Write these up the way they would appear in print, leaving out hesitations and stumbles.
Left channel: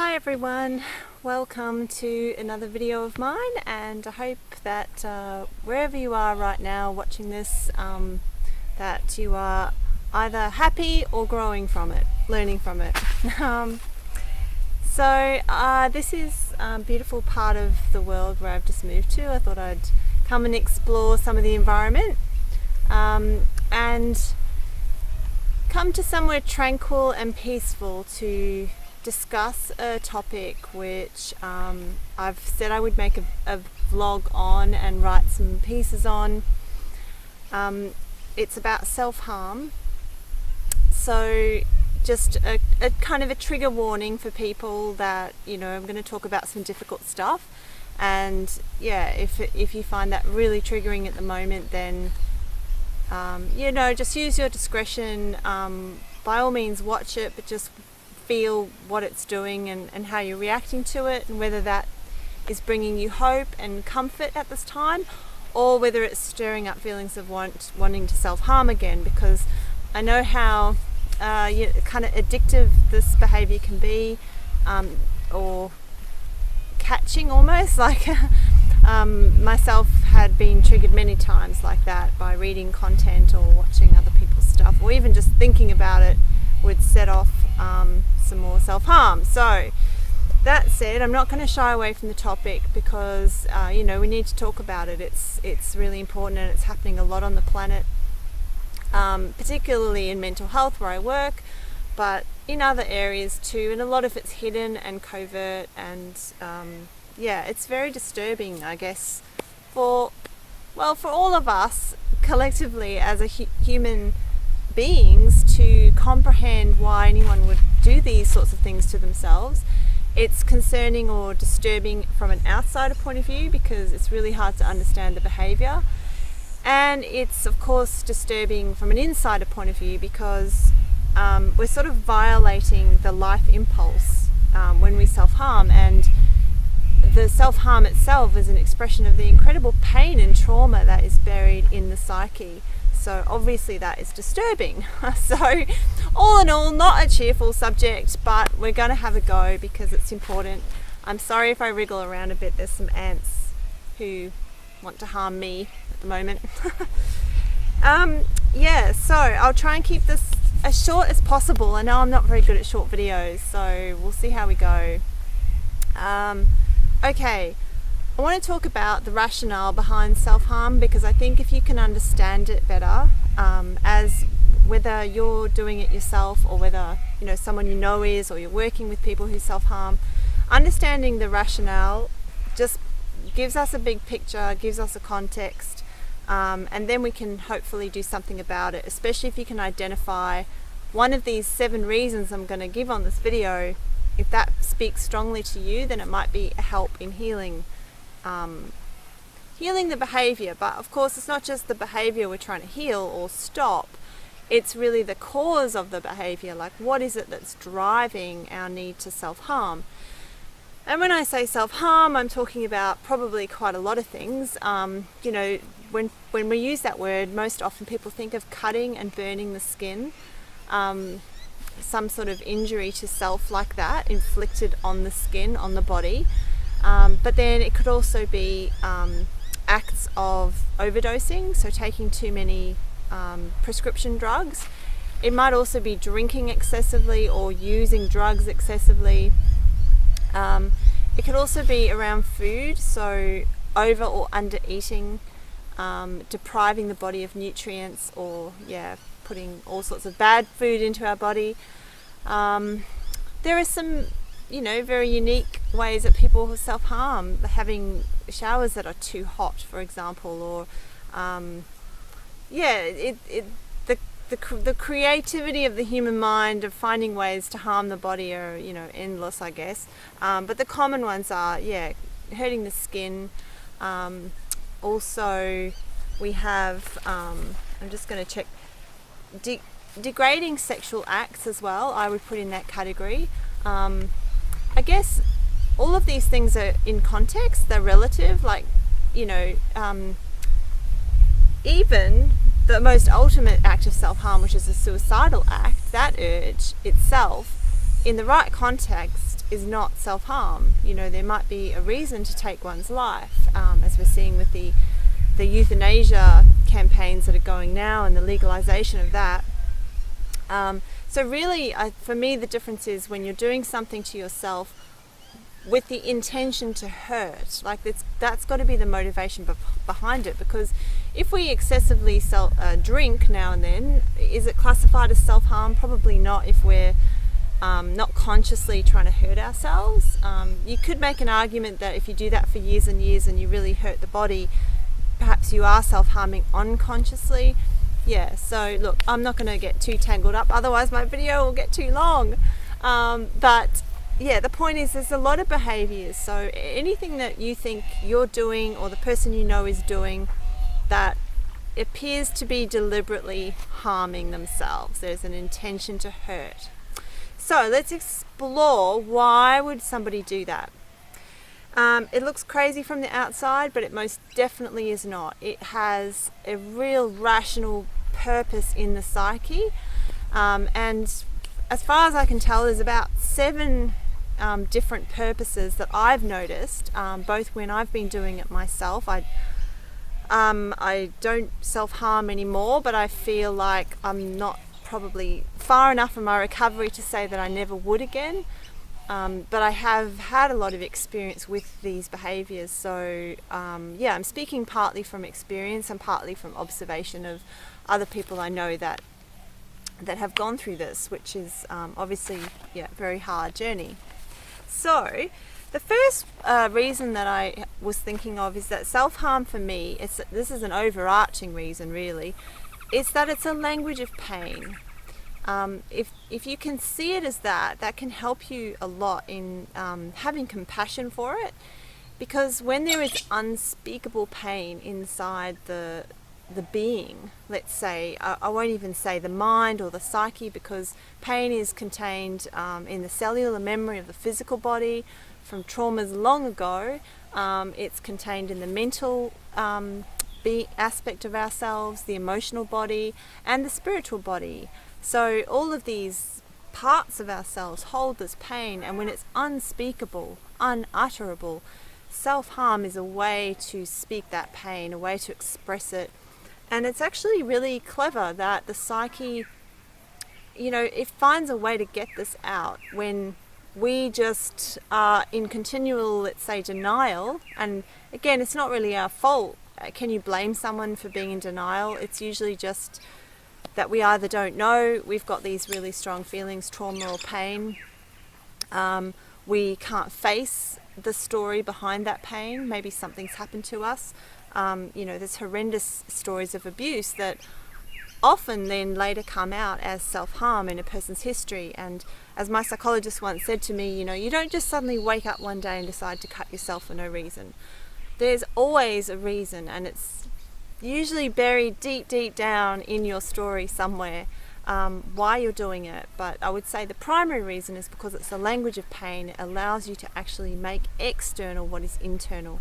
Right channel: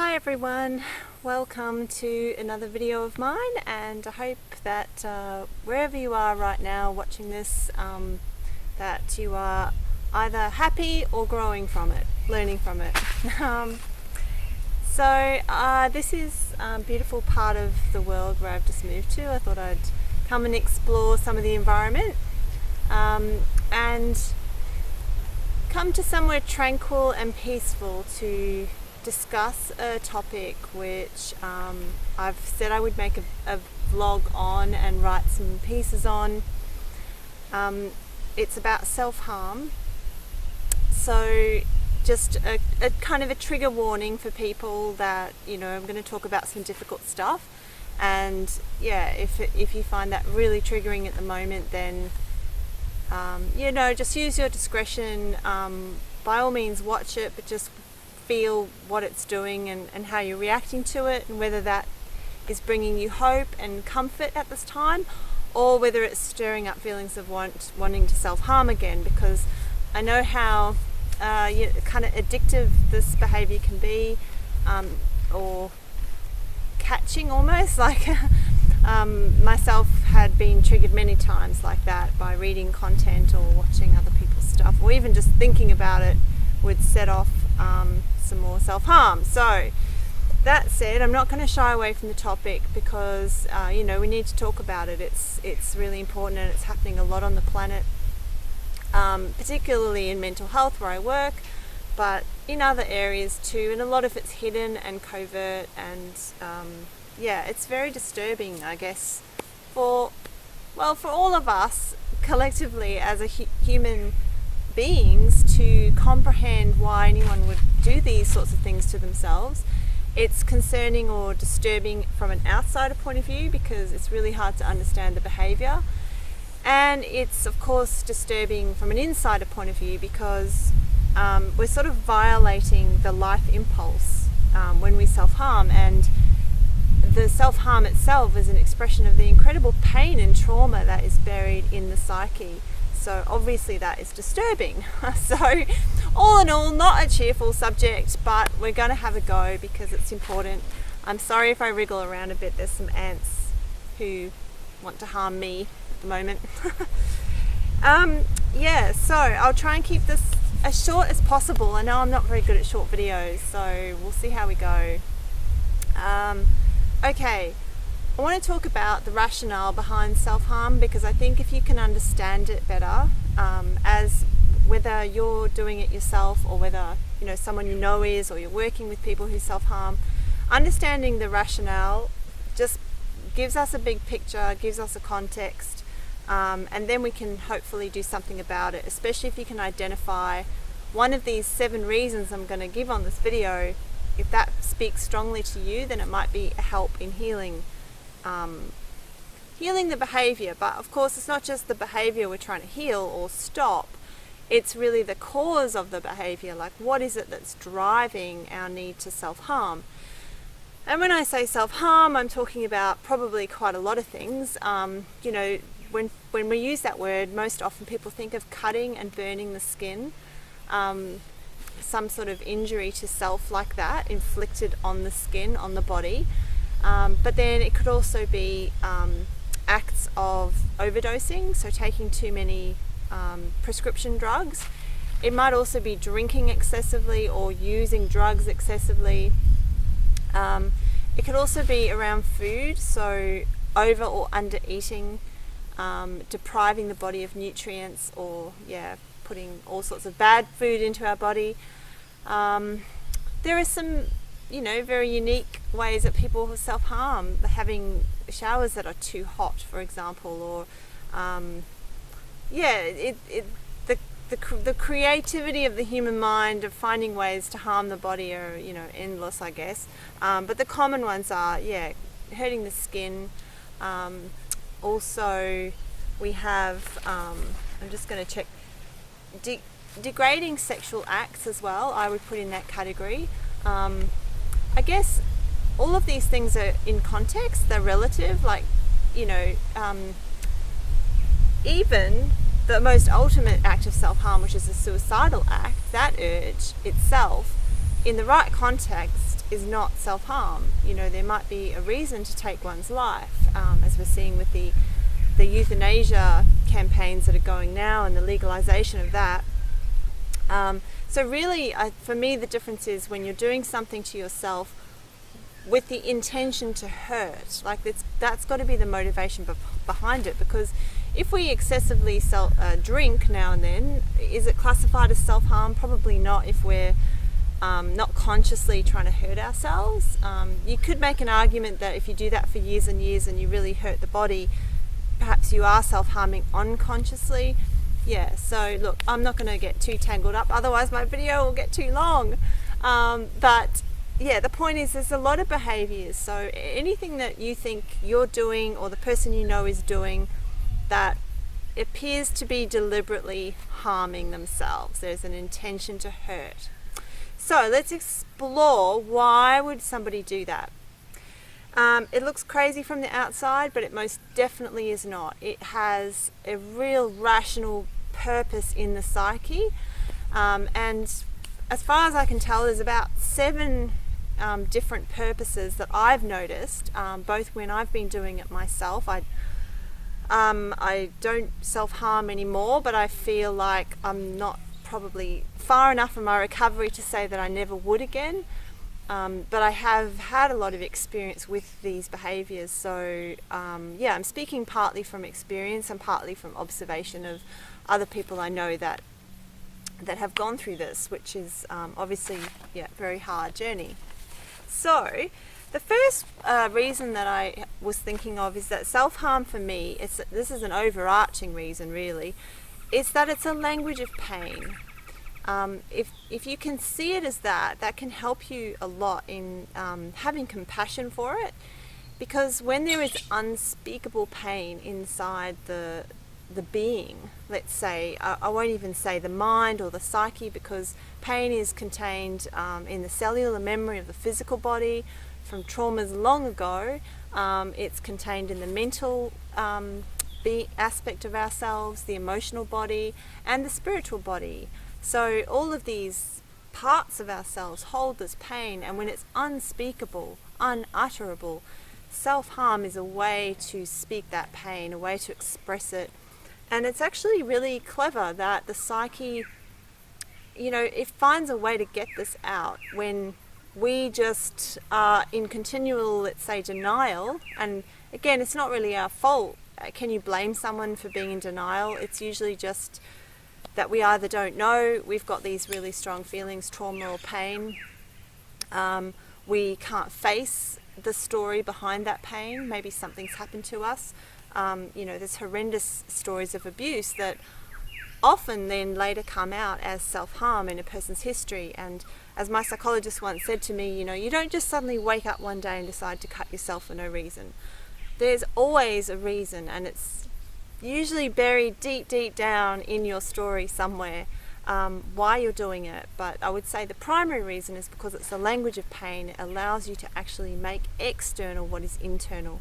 Hi everyone, welcome to another video of mine, and I hope that wherever you are right now watching this, that you are either happy or growing from it, learning from it. This is a beautiful part of the world where I've just moved to. I thought I'd come and explore some of the environment and come to somewhere tranquil and peaceful to discuss a topic which I've said I would make a vlog on and write some pieces on. It's about self-harm, so just a kind of a trigger warning for people that, you know, I'm going to talk about some difficult stuff, and yeah, if you find that really triggering at the moment, then you know, just use your discretion. By all means watch it, but just feel what it's doing and how you're reacting to it, and whether that is bringing you hope and comfort at this time, or whether it's stirring up feelings of wanting to self-harm again, because I know how kind of addictive this behavior can be, or catching almost, like myself had been triggered many times like that by reading content or watching other people's stuff, or even just thinking about it would set off some more self-harm. So that said, I'm not going to shy away from the topic, because you know, we need to talk about it. It's really important, and it's happening a lot on the planet, particularly in mental health where I work, but in other areas too, and a lot of it's hidden and covert, and yeah, it's very disturbing, I guess, for all of us collectively as a human beings to comprehend why anyone would do these sorts of things to themselves. It's concerning or disturbing from an outsider point of view, because it's really hard to understand the behavior, and it's of course disturbing from an insider point of view, because we're sort of violating the life impulse when we self-harm, and the self-harm itself is an expression of the incredible pain and trauma that is buried in the psyche. So obviously that is disturbing. So all in all, not a cheerful subject, but we're going to have a go because it's important. I'm sorry if I wriggle around a bit. There's some ants who want to harm me at the moment. Yeah, so I'll try and keep this as short as possible. I know I'm not very good at short videos, so we'll see how we go. Okay. I want to talk about the rationale behind self-harm, because I think if you can understand it better, as whether you're doing it yourself or whether, you know, someone you know is, or you're working with people who self-harm, understanding the rationale just gives us a big picture, gives us a context, and then we can hopefully do something about it, especially if you can identify one of these 7 reasons I'm going to give on this video. If that speaks strongly to you, then it might be a help in healing the behavior. But of course, it's not just the behavior we're trying to heal or stop, it's really the cause of the behavior. Like, what is it that's driving our need to self-harm? And when I say self-harm, I'm talking about probably quite a lot of things. You know, when we use that word, most often people think of cutting and burning the skin, some sort of injury to self like that inflicted on the skin, on the body. But then it could also be acts of overdosing, so taking too many prescription drugs. It might also be drinking excessively or using drugs excessively. It could also be around food, so over or under eating, depriving the body of nutrients, or putting all sorts of bad food into our body. There are some, you know, very unique ways that people self-harm, having showers that are too hot, for example, or the creativity of the human mind of finding ways to harm the body are, you know, endless, I guess. But the common ones are, hurting the skin. Also, we have, I'm just going to check, degrading sexual acts as well, I would put in that category. I guess all of these things are in context, they're relative, like, you know, even the most ultimate act of self-harm, which is a suicidal act, that urge itself in the right context, is not self-harm. You know, there might be a reason to take one's life, as we're seeing with the euthanasia campaigns that are going now and the legalization of that. So really, for me, the difference is when you're doing something to yourself with the intention to hurt. Like that's got to be the motivation behind it, because if we excessively drink now and then, is it classified as self-harm? Probably not, if we're not consciously trying to hurt ourselves. You could make an argument that if you do that for years and years and you really hurt the body, perhaps you are self-harming unconsciously. Yeah, so look, I'm not going to get too tangled up, otherwise my video will get too long. But yeah, the point is there's a lot of behaviors. So anything that you think you're doing or the person you know is doing that appears to be deliberately harming themselves, there's an intention to hurt. So let's explore, why would somebody do that? It looks crazy from the outside, but it most definitely is not. It has a real rational purpose in the psyche. And as far as I can tell, there's about 7 different purposes that I've noticed, both when I've been doing it myself. I don't self-harm anymore, but I feel like I'm not probably far enough in my recovery to say that I never would again. But I have had a lot of experience with these behaviors. So yeah, I'm speaking partly from experience and partly from observation of other people I know that have gone through this, which is obviously, yeah, a very hard journey. So the first reason that I was thinking of is that self-harm for me, this is an overarching reason really, is that it's a language of pain. If you can see it as that can help you a lot in having compassion for it, because when there is unspeakable pain inside the being, let's say, I won't even say the mind or the psyche, because pain is contained in the cellular memory of the physical body from traumas long ago. It's contained in the mental aspect of ourselves, the emotional body, and the spiritual body. So all of these parts of ourselves hold this pain, and when it's unspeakable, unutterable, self-harm is a way to speak that pain, a way to express it. And it's actually really clever that the psyche, you know, it finds a way to get this out when we just are in continual, let's say, denial. And again, it's not really our fault. Can you blame someone for being in denial? It's usually just that we either don't know, we've got these really strong feelings, trauma or pain. We can't face the story behind that pain. Maybe something's happened to us. You know, there's horrendous stories of abuse that often then later come out as self-harm in a person's history. And as my psychologist once said to me, you know, you don't just suddenly wake up one day and decide to cut yourself for no reason. There's always a reason, and it's usually buried deep down in your story somewhere, why you're doing it. But I would say the primary reason is because it's the language of pain. It allows you to actually make external what is internal.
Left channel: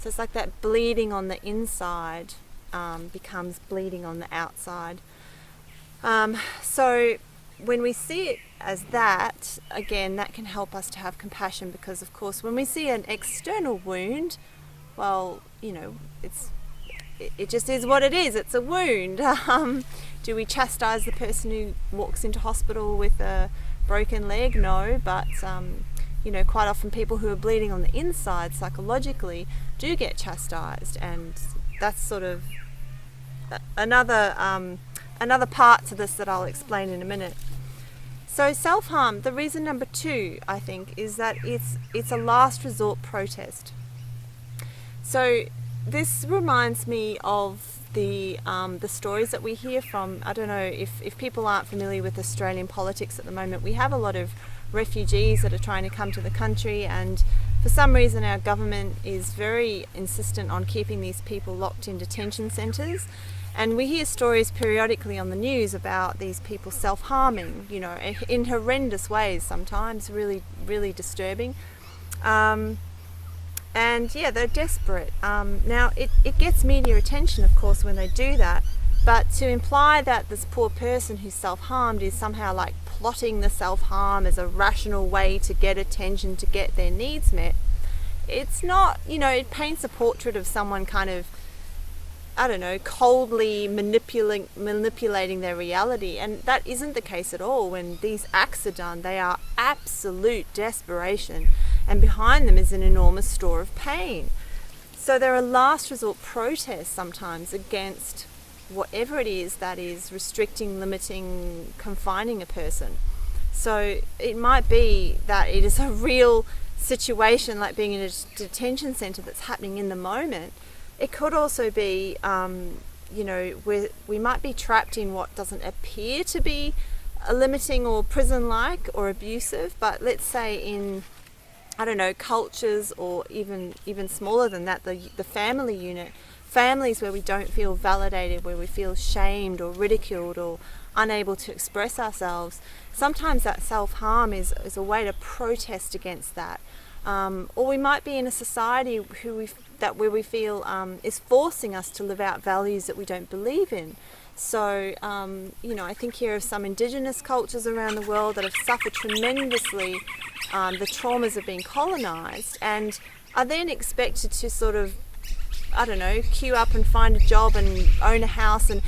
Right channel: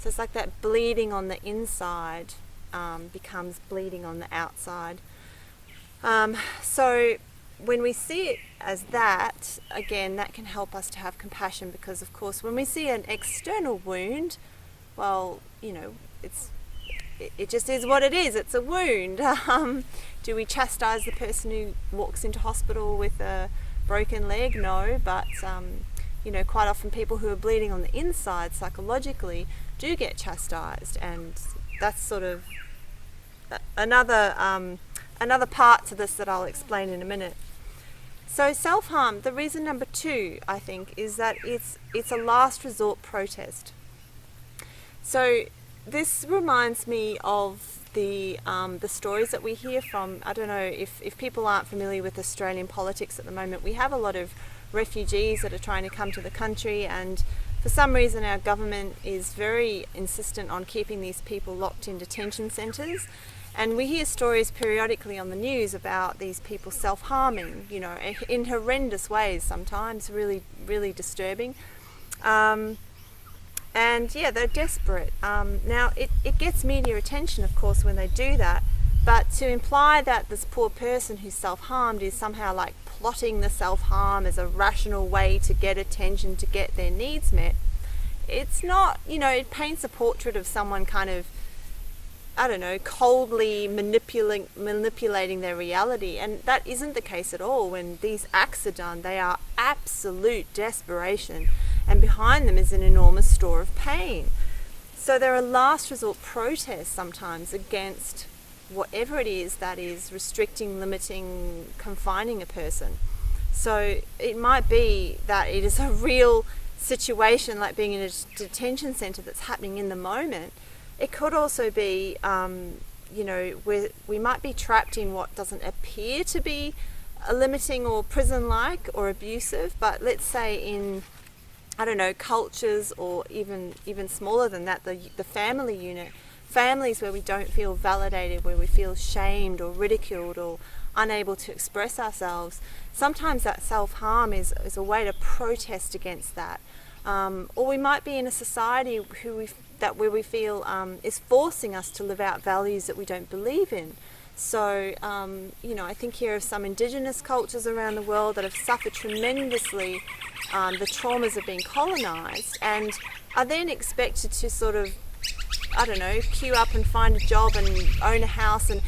So it's like that bleeding on the inside becomes bleeding on the outside. So when we see it as that, again, that can help us to have compassion, because of course when we see an external wound, well, you know, it just is what it is. It's a wound. Do we chastise the person who walks into hospital with a broken leg? No, but you know, quite often people who are bleeding on the inside psychologically do get chastised, and that's sort of another part to this that I'll explain in a minute. So self-harm, the reason number 2, I think, is that it's a last resort protest. So this reminds me of the stories that we hear from, I don't know if people aren't familiar with Australian politics at the moment. We have a lot of refugees that are trying to come to the country, and for some reason our government is very insistent on keeping these people locked in detention centres. And we hear stories periodically on the news about these people self-harming, you know, in horrendous ways sometimes, really, really disturbing. And yeah, they're desperate. Now, it gets media attention, of course, when they do that, But to imply that this poor person who's self-harmed is somehow like plotting the self-harm as a rational way to get attention, to get their needs met, it's not, it paints a portrait of someone kind of, I don't know, coldly manipulating their reality. And that isn't the case at all. When these acts are done, they are absolute desperation, and behind them is an enormous store of pain. So there are last resort protests sometimes against whatever it is that is restricting, limiting, confining a person. So it might be that it is a real situation, like being in a detention centre, that's happening in the moment. It could also be, where we might be trapped in what doesn't appear to be a limiting or prison-like or abusive, but let's say in, I don't know, cultures or even smaller than that, the family unit, families where we don't feel validated, where we feel shamed or ridiculed or unable to express ourselves. Sometimes that self-harm is a way to protest against that. Or we might be in a society where we feel is forcing us to live out values that we don't believe in. So, I think here of some Indigenous cultures around the world that have suffered tremendously the traumas of being colonised, and are then expected to sort of, I don't know, queue up and find a job and own a house and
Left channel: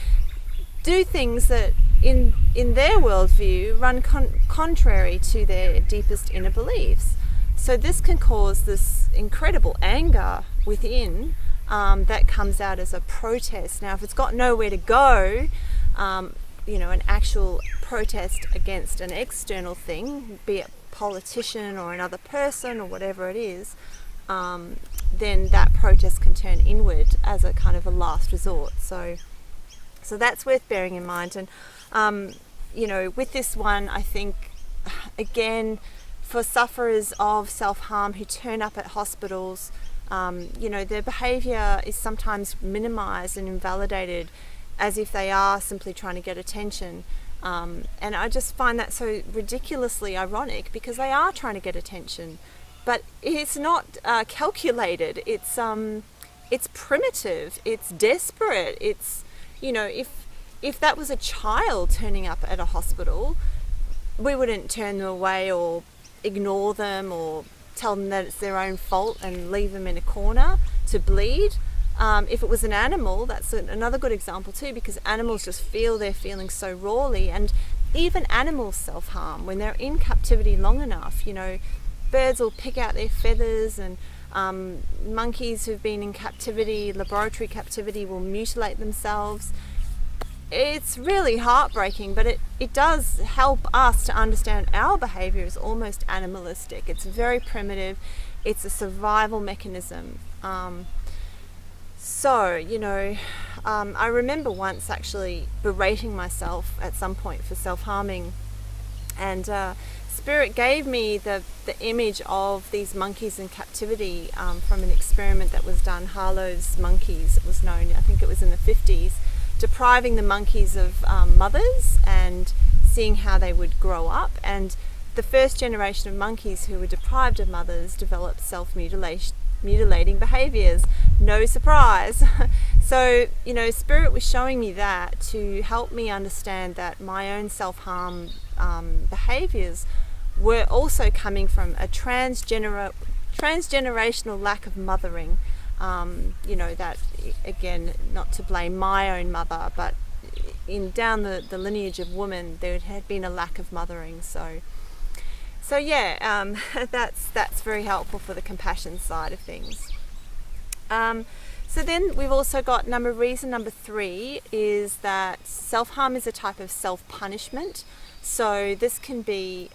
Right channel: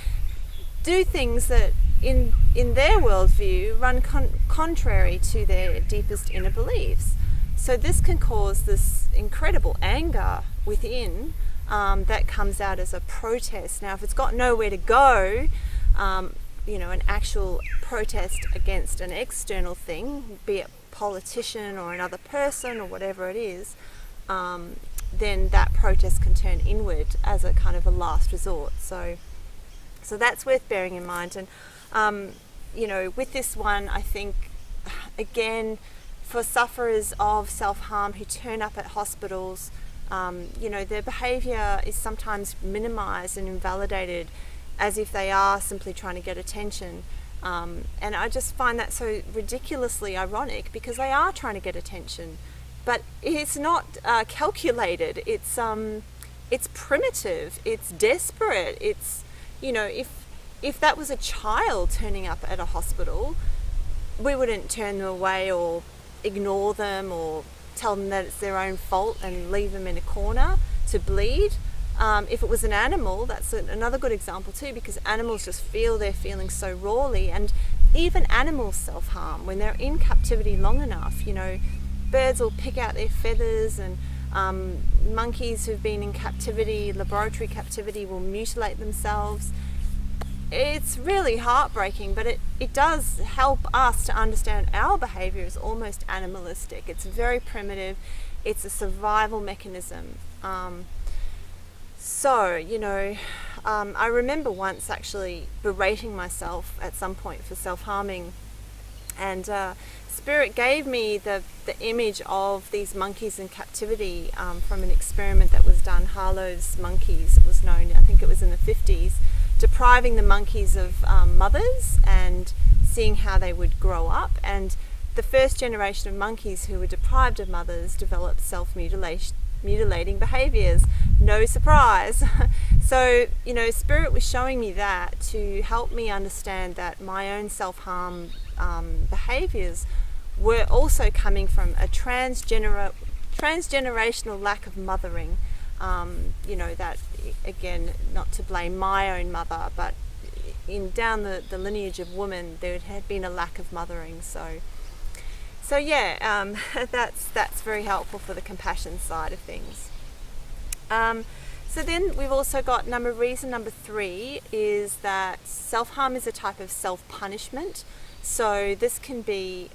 do things that in their worldview run contrary to their deepest inner beliefs. So this can cause this incredible anger within that comes out as a protest. Now, if it's got nowhere to go, an actual protest against an external thing, be it politician or another person or whatever it is, then that protest can turn inward as a kind of a last resort. So that's worth bearing in mind. And, with this one, I think, again, for sufferers of self-harm who turn up at hospitals, their behaviour is sometimes minimised and invalidated as if they are simply trying to get attention. And I just find that so ridiculously ironic, because they are trying to get attention, but it's not calculated. It's primitive. It's desperate. It's, if that was a child turning up at a hospital, we wouldn't turn them away or ignore them or tell them that it's their own fault and leave them in a corner to bleed. If it was an animal, that's another good example too, because animals just feel their feelings so rawly, and even animals self-harm when they're in captivity long enough. Birds will pick out their feathers, and monkeys who've been in captivity, laboratory captivity, will mutilate themselves. It's really heartbreaking, but it does help us to understand our behaviour is almost animalistic. It's very primitive. It's a survival mechanism. I remember once actually berating myself at some point for self-harming, and Spirit gave me the image of these monkeys in captivity from an experiment that was done, Harlow's monkeys, it was known, I think it was in the 50s, depriving the monkeys of mothers and seeing how they would grow up. And the first generation of monkeys who were deprived of mothers developed self-mutilating behaviours. No surprise. So, Spirit was showing me that to help me understand that my own self-harm behaviours were also coming from a transgenerational lack of mothering. That, again, not to blame my own mother, but down the lineage of women, there had been a lack of mothering. So that's very helpful for the compassion side of things. So then we've also got reason number 3 is that self-harm is a type of self-punishment. So this can be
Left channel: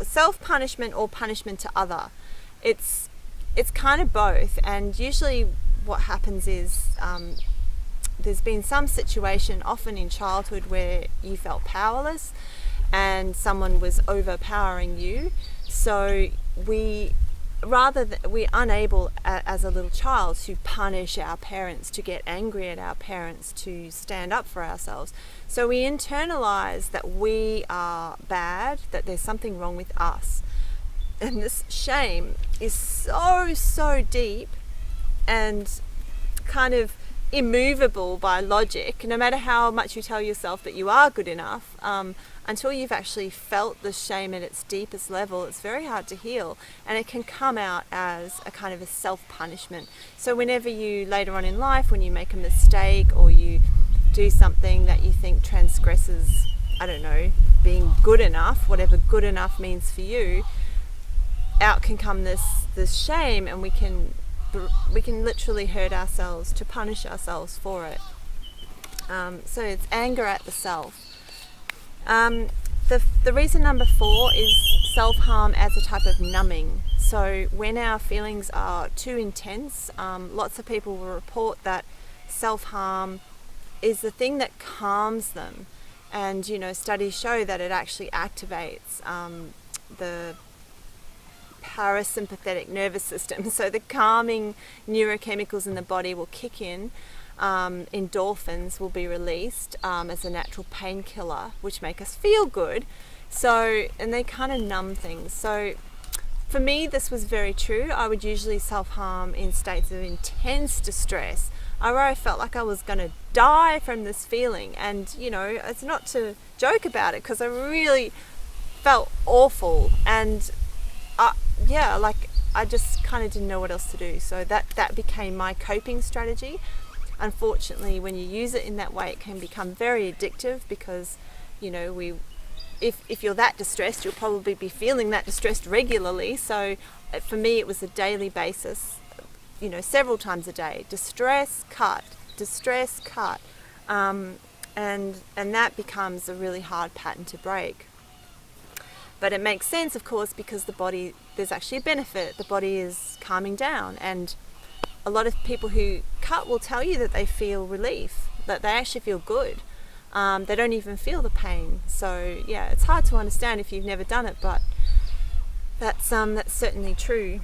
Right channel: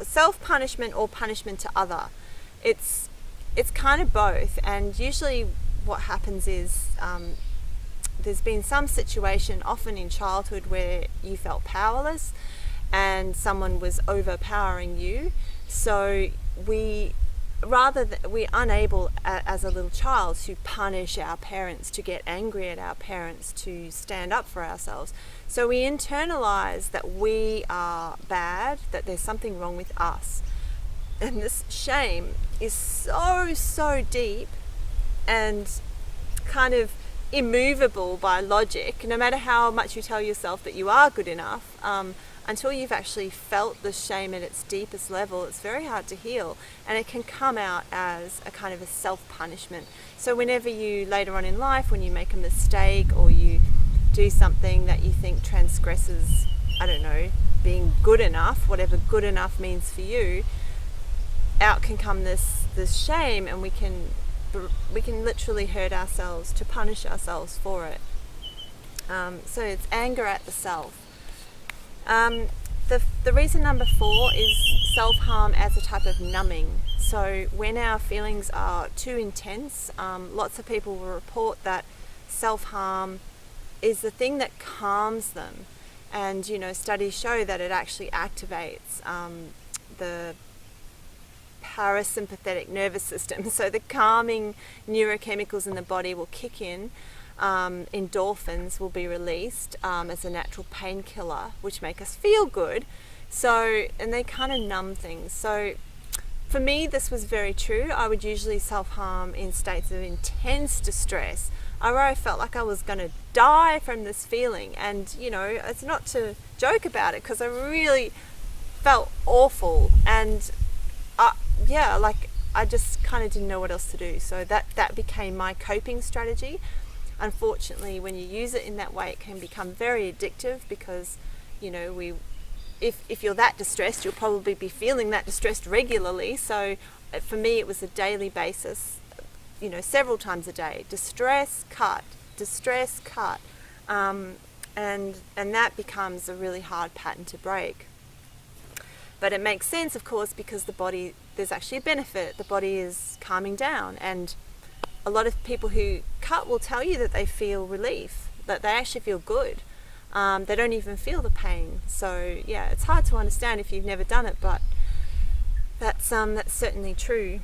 self-punishment or punishment to other. It's kind of both, and usually what happens is there's been some situation, often in childhood, where you felt powerless and someone was overpowering you. So we're unable as a little child to punish our parents, to get angry at our parents, to stand up for ourselves. So we internalize that we are bad, that there's something wrong with us. And this shame is so deep and kind of immovable by logic, no matter how much you tell yourself that you are good enough, until you've actually felt the shame at its deepest level, it's very hard to heal, and it can come out as a kind of a self-punishment. So whenever you, later on in life, when you make a mistake or you do something that you think transgresses, I don't know, being good enough, whatever good enough means for you, out can come this shame, and we can literally hurt ourselves to punish ourselves for it. So it's anger at the self. The reason number 4 is self-harm as a type of numbing. So when our feelings are too intense, lots of people will report that self-harm is the thing that calms them. And, studies show that it actually activates the parasympathetic nervous system. So the calming neurochemicals in the body will kick in. Endorphins will be released as a natural painkiller, which make us feel good. So, and they kind of numb things. So for me, this was very true. I would usually self-harm in states of intense distress, where I felt like I was going to die from this feeling. And, it's not to joke about it, because I really felt awful. And I just kind of didn't know what else to do. So that became my coping strategy. Unfortunately, when you use it in that way, it can become very addictive, because, if you're that distressed, you'll probably be feeling that distressed regularly. So for me, it was a daily basis, several times a day. Distress, cut. And that becomes a really hard pattern to break. But it makes sense, of course, because the body, there's actually a benefit. The body is calming down, and a lot of people who cut will tell you that they feel relief, that they actually feel good. They don't even feel the pain. So yeah, it's hard to understand if you've never done it, but that's certainly true.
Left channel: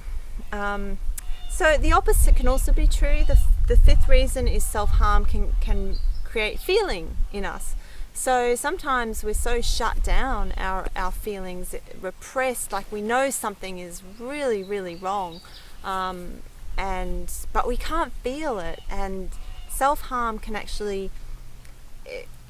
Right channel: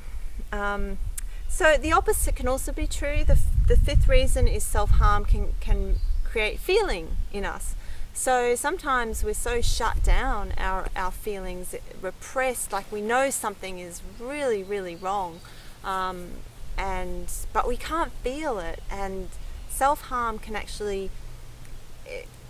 So the opposite can also be true. The 5th reason is self-harm can create feeling in us. So sometimes we're so shut down, our feelings repressed, like we know something is really, really wrong, but we can't feel it. And self-harm can actually,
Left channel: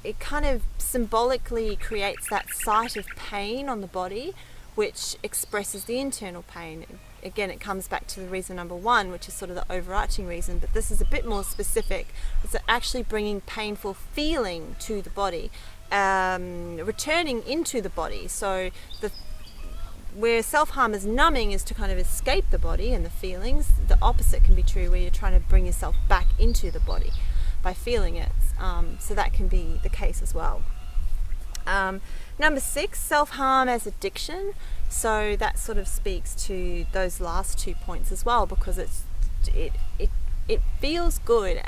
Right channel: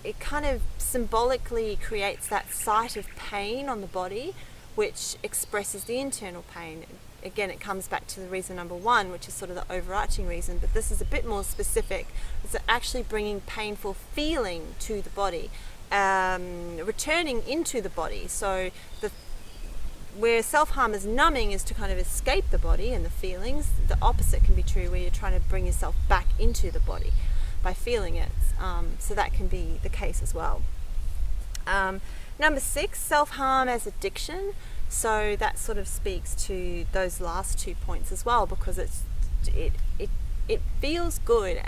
it kind of symbolically creates that site of pain on the body, which expresses the internal pain. Again, it comes back to the reason number 1, which is sort of the overarching reason, but this is a bit more specific. It's actually bringing painful feeling to the body, returning into the body. So where self-harm is numbing is to kind of escape the body and the feelings. The opposite can be true, where you're trying to bring yourself back into the body by feeling it. So that can be the case as well. Number 6, self-harm as addiction. So that sort of speaks to those last 2 points as well, because it feels good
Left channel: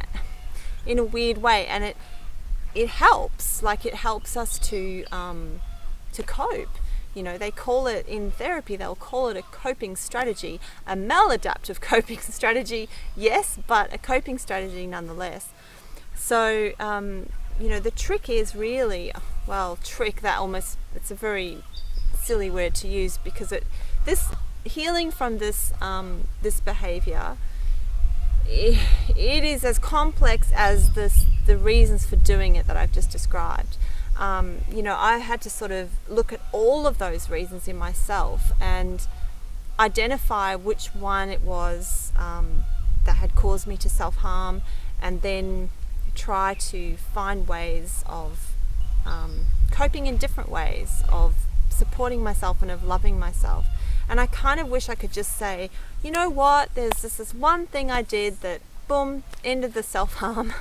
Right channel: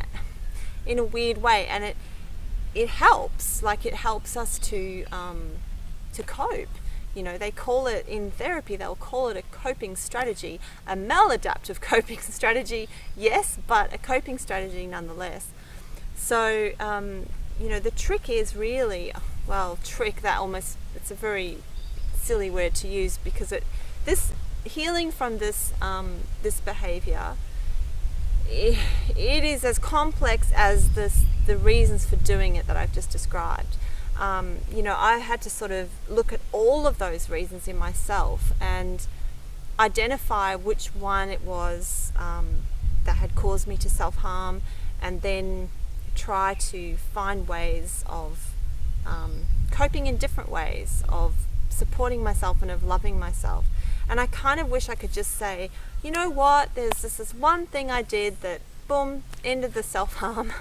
in a weird way, and it helps. Like, it helps us to cope. They call it in therapy, they'll call it a coping strategy, a maladaptive coping strategy, yes, but a coping strategy nonetheless. So the trick is really, it's a very silly word to use, because this healing from this behavior, it is as complex as the reasons for doing it that I've just described. I had to sort of look at all of those reasons in myself and identify which one it was that had caused me to self-harm, and then try to find ways of coping in different ways, of supporting myself and of loving myself. And I kind of wish I could just say, you know what, there's this one thing I did that, boom, ended the self-harm.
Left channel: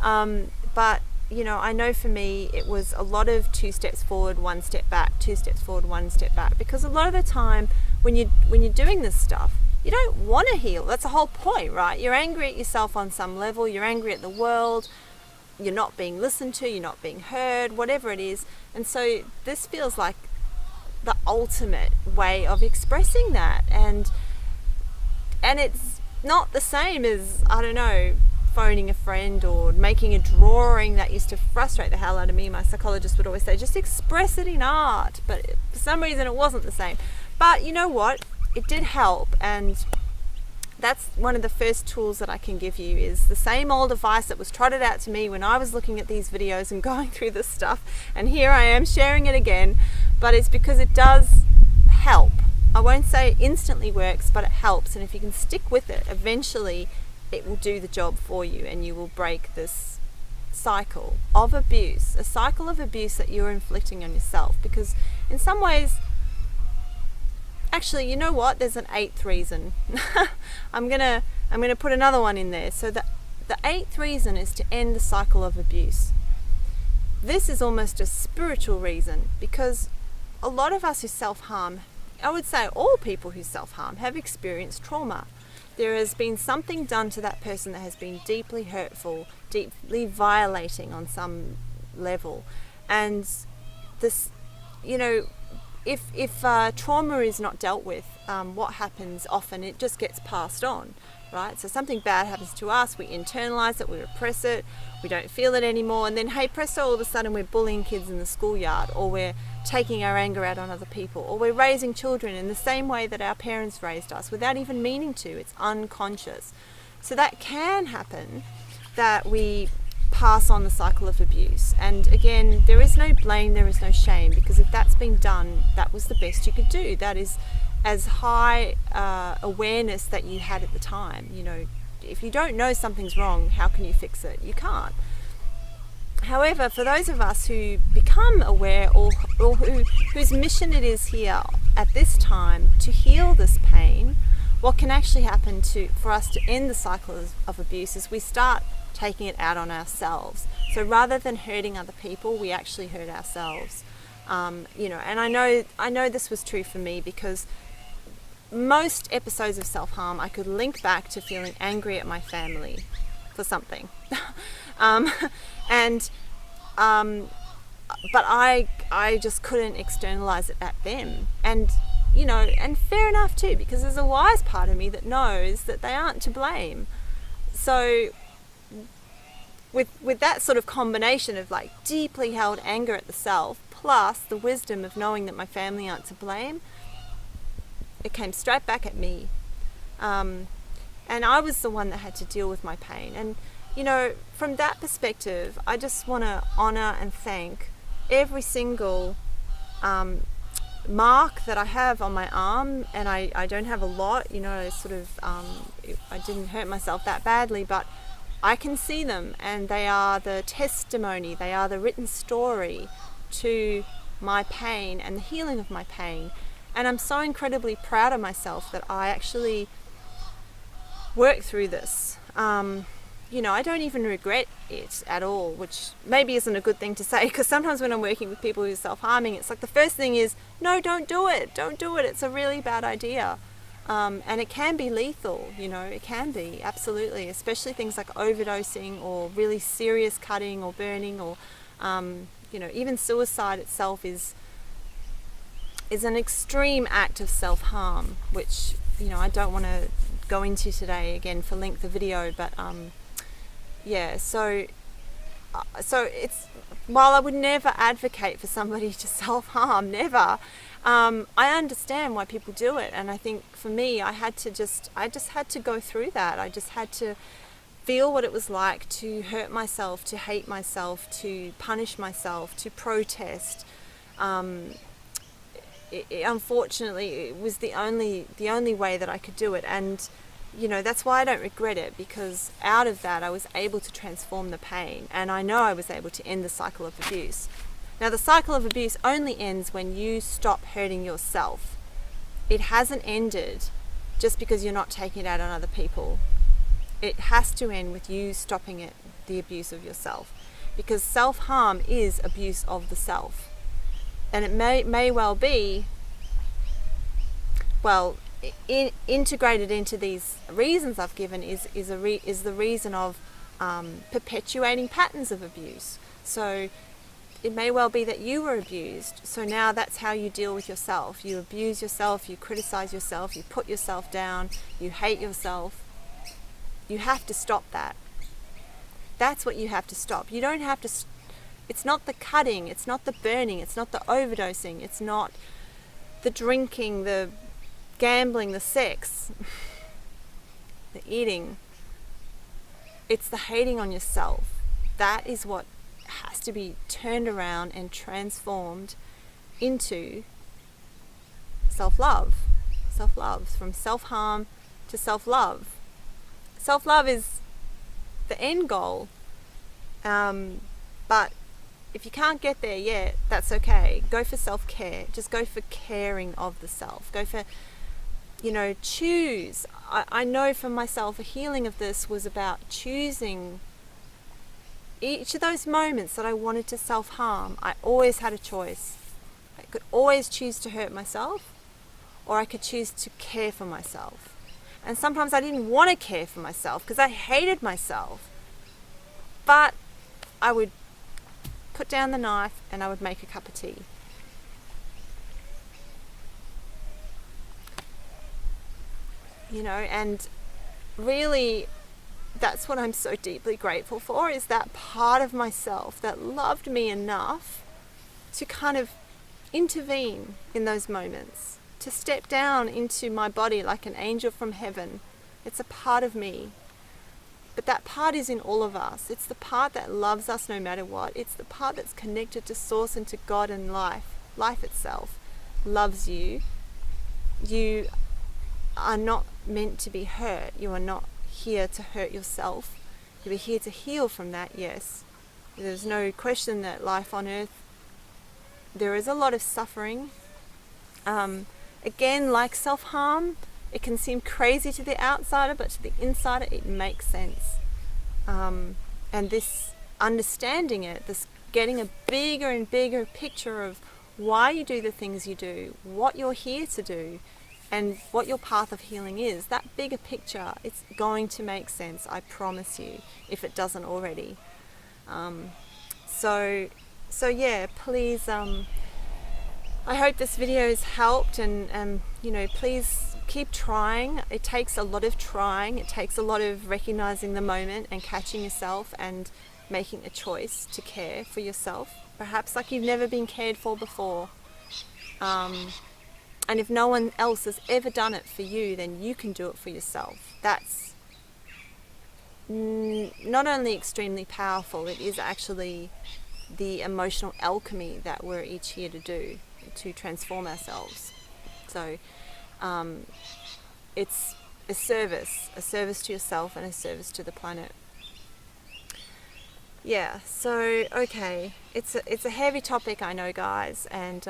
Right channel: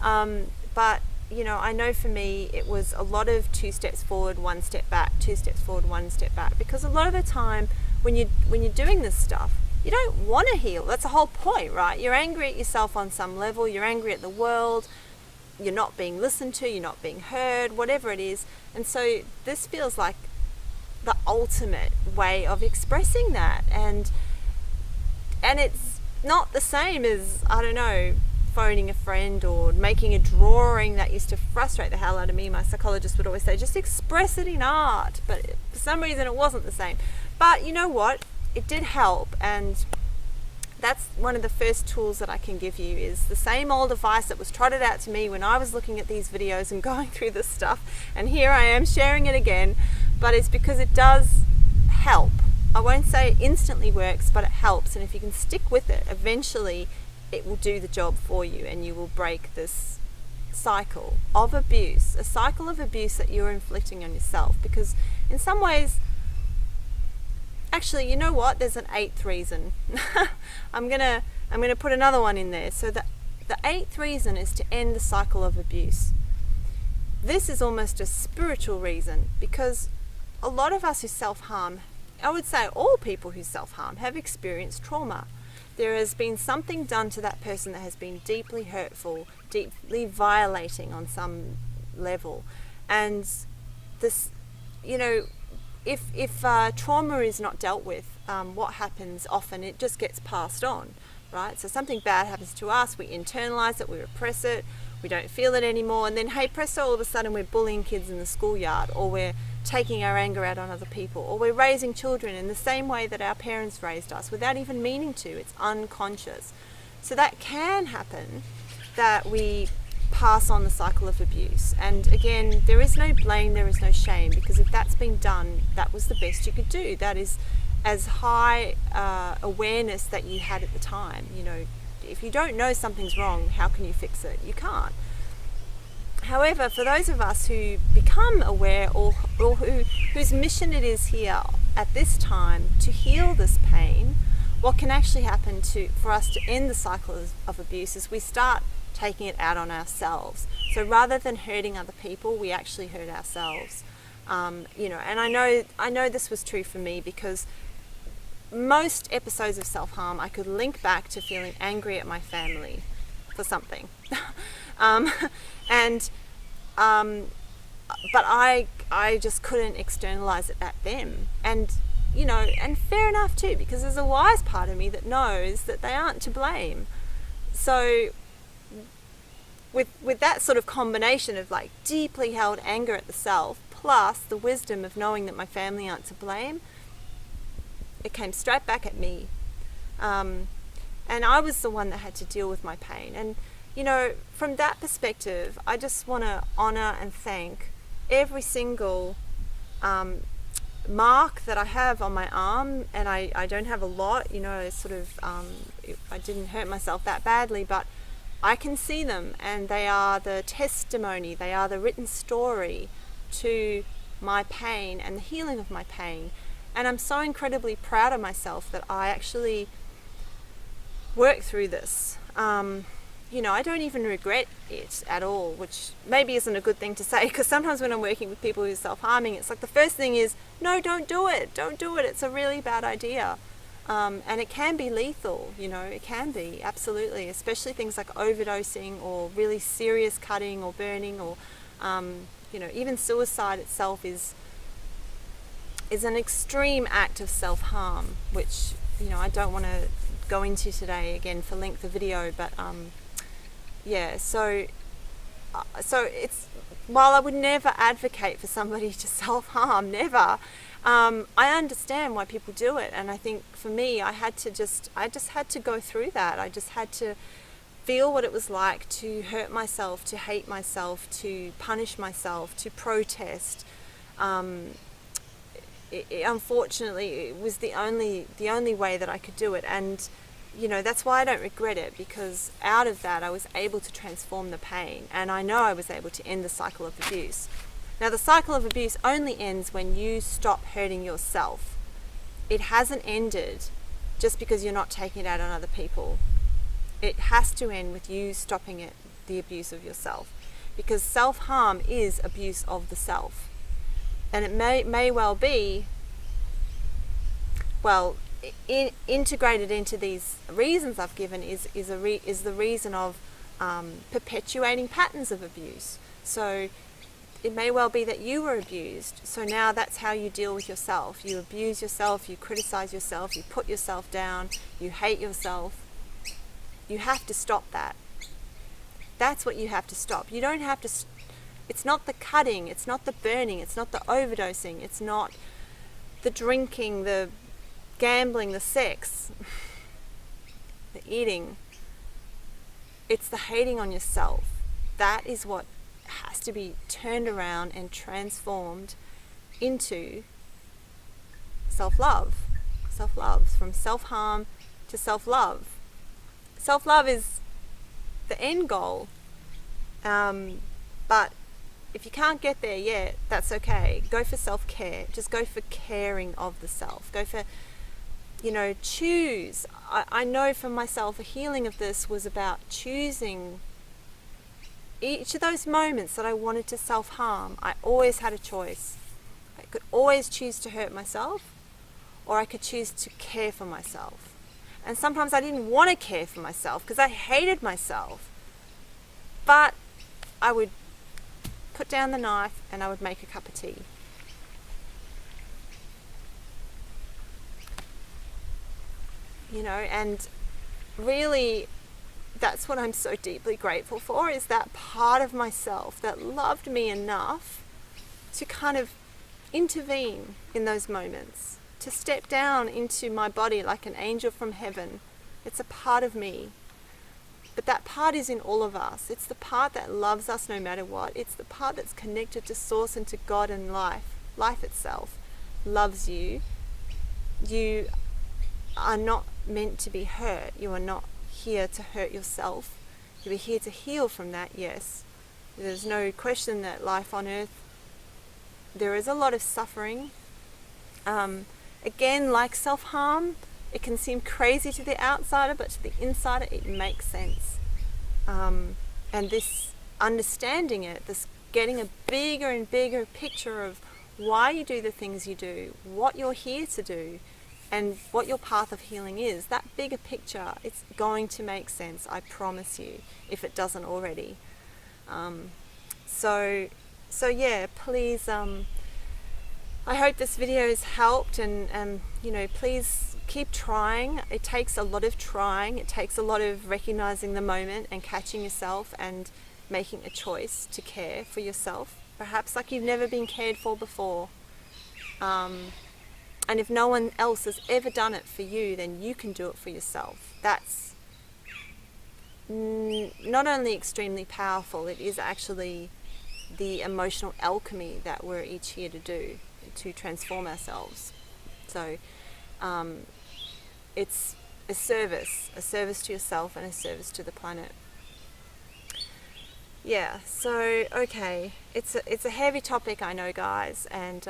But I know for me it was a lot of 2 steps forward, 1 step back, 2 steps forward, 1 step back, because a lot of the time when you're doing this stuff, you don't want to heal. That's the whole point, right? You're angry at yourself on some level, you're angry at the world, you're not being listened to, you're not being heard, whatever it is. And so this feels like the ultimate way of expressing that, and it's not the same as, I don't know, phoning a friend or making a drawing that used to frustrate the hell out of me. My psychologist would always say, just express it in art, but for some reason it wasn't the same. But you know what, it did help, and that's one of the first tools that I can give you, is the same old advice that was trotted out to me when I was looking at these videos and going through this stuff, and here I am sharing it again. But it's because it does help. I won't say it instantly works, but it helps, and if you can stick with it, eventually it will do the job for you, and you will break this cycle of abuse, a cycle of abuse that you're inflicting on yourself. Because in some ways, actually, you know what? There's an eighth reason. I'm gonna put another one in there. So the eighth reason is to end the cycle of abuse. This is almost a spiritual reason, because a lot of us who self-harm, I would say all people who self-harm, have experienced trauma. There has been something done to that person that has been deeply hurtful, deeply violating on some level. And this, you know, if trauma is not dealt with, what happens often, it just gets passed on, right? So something bad happens to us, we internalize it, we repress it, we don't feel it anymore, and then hey presto, all of a sudden we're bullying kids in the schoolyard, or we're taking our anger out on other people, or we're raising children in the same way that our parents raised us without even meaning to. It's unconscious. So that can happen, that we pass on the cycle of abuse. And again, there is no blame, there is no shame, because if that's been done, that was the best you could do. That is as high awareness that you had at the time. You know, if you don't know something's wrong, how can you fix it? You can't. However, for those of us who become aware, or whose mission it is here at this time to heal this pain, what can actually happen for us to end the cycle of abuse is we start taking it out on ourselves. So rather than hurting other people, we actually hurt ourselves. You know, and I know this was true for me, because most episodes of self-harm I could link back to feeling angry at my family for something. But I just couldn't externalize it at them. And, you know, and fair enough too, because there's a wise part of me that knows that they aren't to blame. So with that sort of combination of like deeply held anger at the self, plus the wisdom of knowing that my family aren't to blame, it came straight back at me. And I was the one that had to deal with my pain. And, you know, from that perspective, I just want to honor and thank every single mark that I have on my arm. And I don't have a lot, you know, I didn't hurt myself that badly, but I can see them, and they are the testimony, they are the written story to my pain and the healing of my pain. And I'm so incredibly proud of myself that I actually worked through this. You know, I don't even regret it at all, which maybe isn't a good thing to say, because sometimes when I'm working with people who are self-harming, it's like the first thing is, no, don't do it, it's a really bad idea. And it can be lethal, you know, it can be, absolutely, especially things like overdosing or really serious cutting or burning, or, you know, even suicide itself is an extreme act of self-harm, which, you know, I don't want to go into today again for length of video, but yeah, so it's, while I would never advocate for somebody to self-harm, never, I understand why people do it. And I think for me, I just had to go through that. I just had to feel what it was like to hurt myself, to hate myself, to punish myself, to protest. Unfortunately, it was the only way that I could do it. And, you know, that's why I don't regret it, because out of that I was able to transform the pain, and I know I was able to end the cycle of abuse. Now, the cycle of abuse only ends when you stop hurting yourself. It hasn't ended just because you're not taking it out on other people. It has to end with you stopping the abuse of yourself, because self-harm is abuse of the self. And it may well be, well, integrated into these reasons I've given is the reason of perpetuating patterns of abuse. So it may well be that you were abused, so now that's how you deal with yourself. You abuse yourself, you criticize yourself, you put yourself down, you hate yourself. You have to stop that. That's what you have to stop. You don't have to. It's not the cutting, it's not the burning, it's not the overdosing, it's not the drinking, the gambling, the sex. the eating, it's the hating on yourself. That is what has to be turned around and transformed into self-love. Self-love, from self-harm to self-love. Self-love is the end goal. But if you can't get there yet, that's okay. Go for self-care. Just go for caring of the self. Go for, choose. I know for myself, a healing of this was about choosing each of those moments that I wanted to self-harm. I always had a choice. I could always choose to hurt myself, or I could choose to care for myself. And sometimes I didn't want to care for myself because I hated myself. But I would put down the knife and I would make a cup of tea. And really, that's what I'm so deeply grateful for, is that part of myself that loved me enough to kind of intervene in those moments, to step down into my body like an angel from heaven. It's a part of me. But that part is in all of us. It's the part that loves us no matter what. It's the part that's connected to Source and to God and life. Life itself loves you. You are not meant to be hurt. You are not here to hurt yourself. You're here to heal from that, yes. There's no question that life on earth, there is a lot of suffering. Again, like self-harm, it can seem crazy to the outsider, but to the insider, it makes sense. And this understanding it, this getting a bigger and bigger picture of why you do the things you do, what you're here to do, and what your path of healing is, that bigger picture, it's going to make sense, I promise you, if it doesn't already. So yeah, please, I hope this video has helped, and please keep trying. It takes a lot of trying. It takes a lot of recognizing the moment and catching yourself and making a choice to care for yourself, perhaps like you've never been cared for before. And if no one else has ever done it for you, then you can do it for yourself. That's not only extremely powerful, it is actually the emotional alchemy that we're each here to do, to transform ourselves. So it's a service to yourself and a service to the planet. Yeah, so okay, it's a heavy topic, I know, guys, and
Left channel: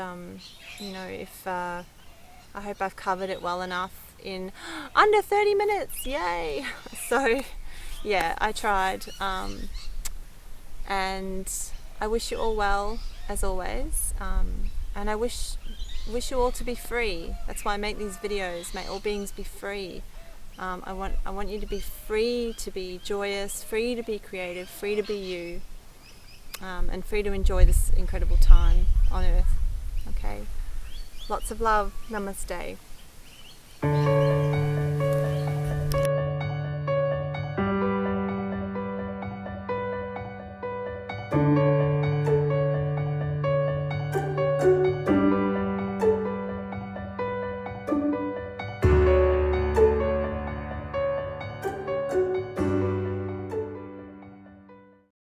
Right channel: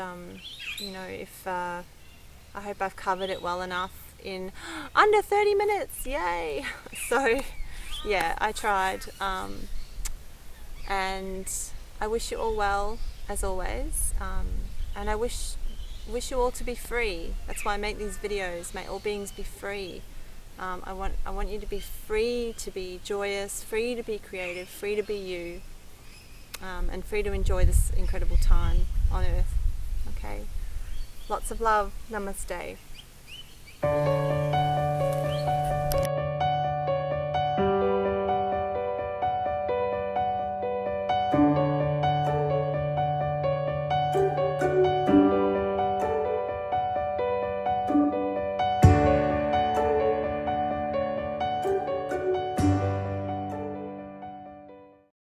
if I hope I've covered it well enough in under 30 minutes, yay! So yeah, I tried, and I wish you all well, as always, and I wish you all to be free. That's why I make these videos. May all beings be free. I want you to be free to be joyous, free to be creative, free to be you, and free to enjoy this incredible time on Earth. Okay? Lots of love. Namaste.